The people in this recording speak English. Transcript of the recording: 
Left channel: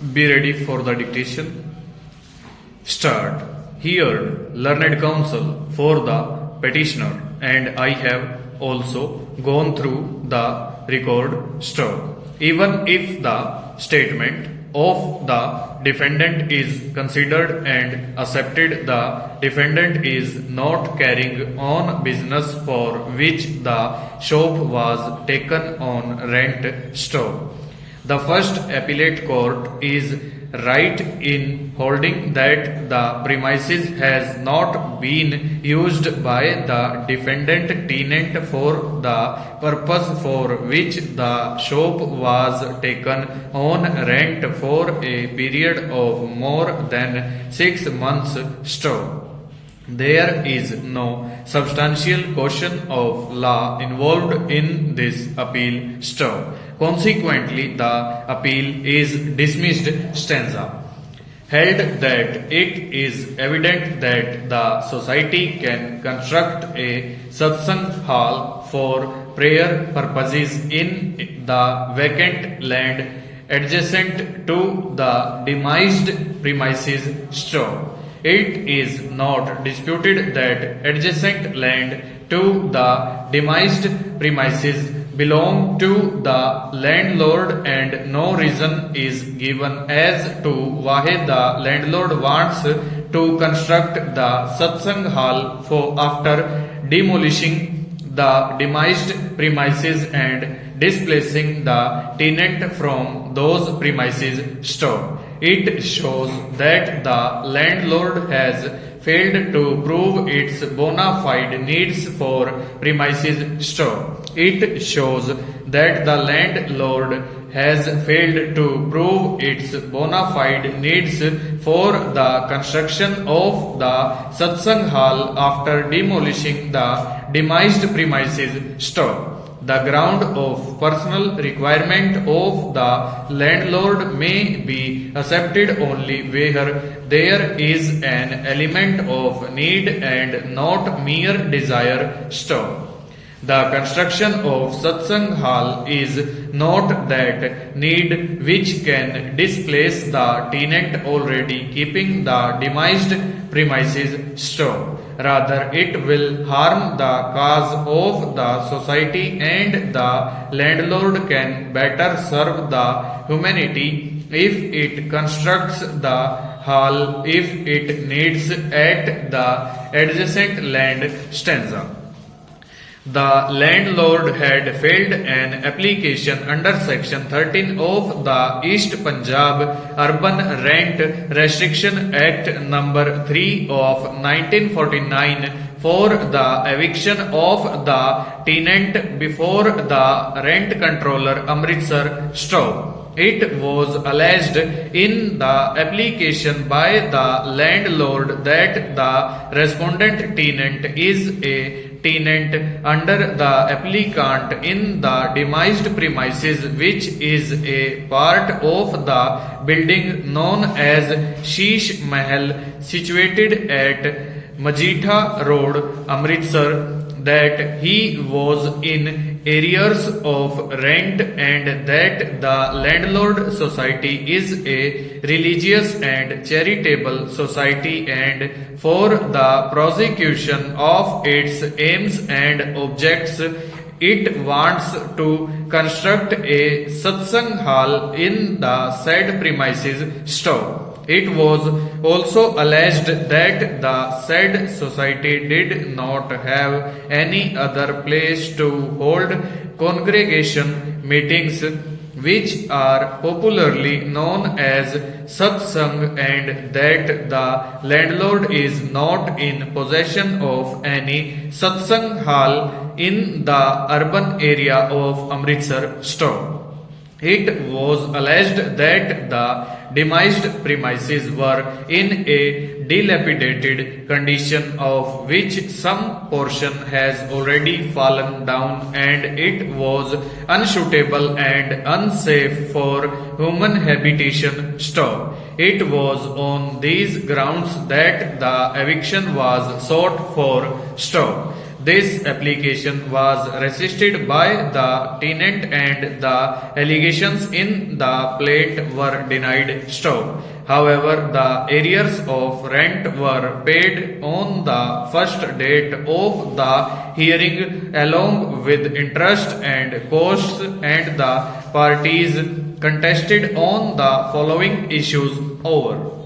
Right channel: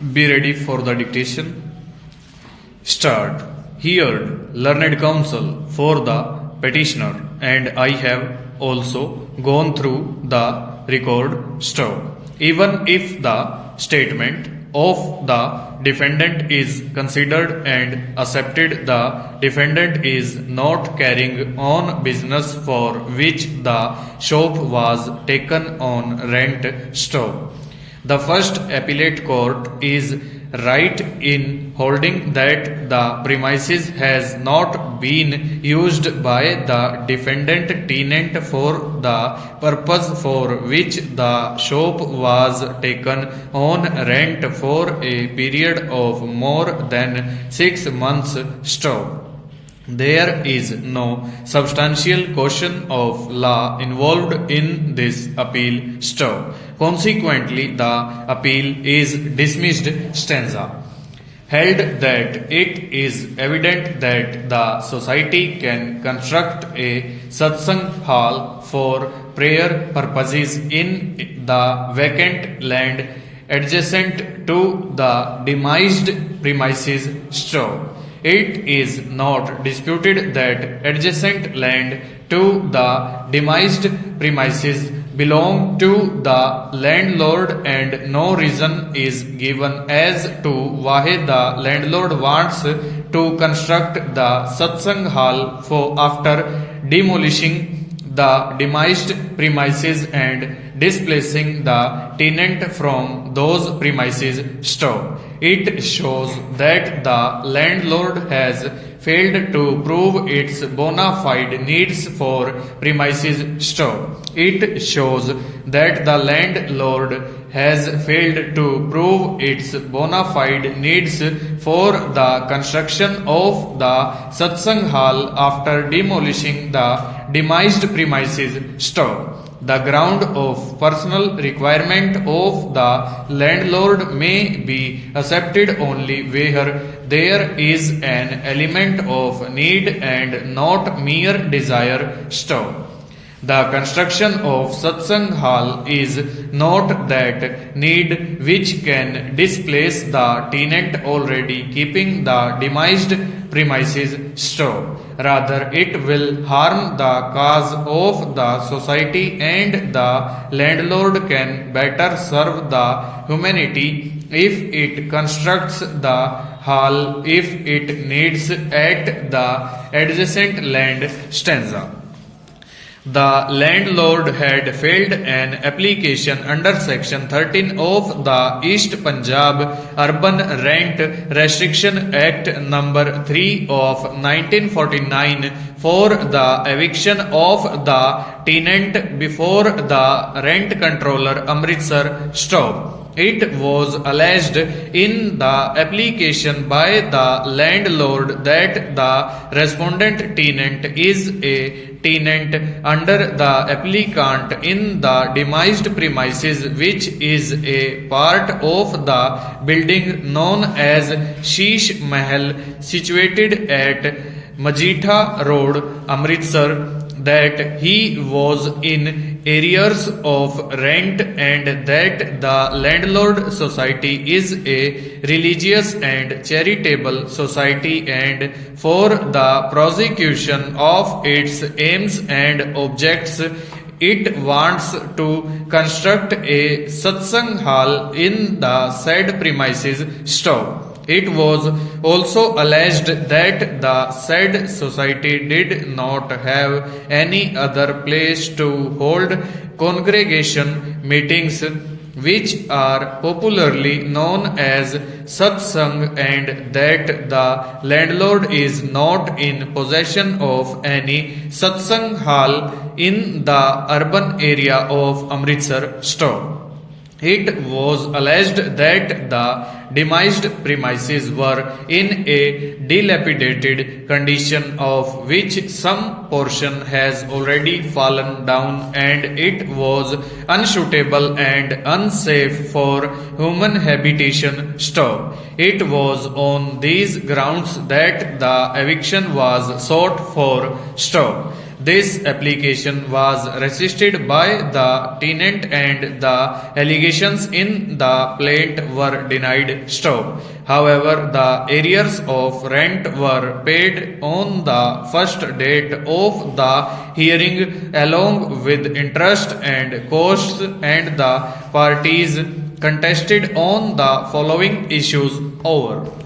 Be ready for the dictation. Start. Heard, learned counsel for the petitioner, and I have also gone through the record store. Even if the statement of the defendant is considered and accepted, the defendant is not carrying on business for which the shop was taken on rent store. The first appellate court is right in holding that the premises has not been used by the defendant tenant for the purpose for which the shop was taken on rent for a period of more than 6 months. Store. There is no substantial question of law involved in this appeal. Store. Consequently, the appeal is dismissed. Stanza. Held that it is evident that the society can construct a satsang hall for prayer purposes in the vacant land adjacent to the demised premises. Store. It is not disputed that adjacent land to the demised premises belong to the landlord, and no reason is given as to why the landlord wants to construct the satsang hall for after demolishing the demised premises and displacing the tenant from those premises. Store. It shows that the landlord has failed to prove its bona fide needs for premises. Store. It shows that the landlord has failed to prove its bona fide needs for the construction of the satsang hall after demolishing the demised premises. Store. The ground of personal requirement of the landlord may be accepted only where there is an element of need and not mere desire. Store. The construction of satsang hall is not that need which can displace the tenant already keeping the demised premises. Store. Rather, it will harm the cause of the society, and the landlord can better serve the humanity if it constructs the hall if it needs at the adjacent land. Stanza. The landlord had filed an application under Section 13 of the East Punjab Urban Rent Restriction Act No. 3 of 1949 for the eviction of the tenant before the rent controller Amritsar. Store. It was alleged in the application by the landlord that the respondent tenant is a tenant under the applicant in the demised premises, which is a part of the building known as Sheesh Mahal, situated at Majitha Road, Amritsar, that he was in arrears of rent, and that the landlord society is a religious and charitable society, and for the prosecution of its aims and objects it wants to construct a satsang hall in the said premises. Store. It was also alleged that the said society did not have any other place to hold congregation meetings, which are popularly known as satsang, and that the landlord is not in possession of any satsang hall in the urban area of Amritsar. Store. It was alleged that the demised premises were in a dilapidated condition, of which some portion has already fallen down, and it was unsuitable and unsafe for human habitation. Store. It was on these grounds that the eviction was sought for. Store. This application was resisted by the tenant and the allegations in the plaint were denied stop. However, the arrears of rent were paid on the first date of the hearing along with interest and costs, and the parties contested on the following issues over.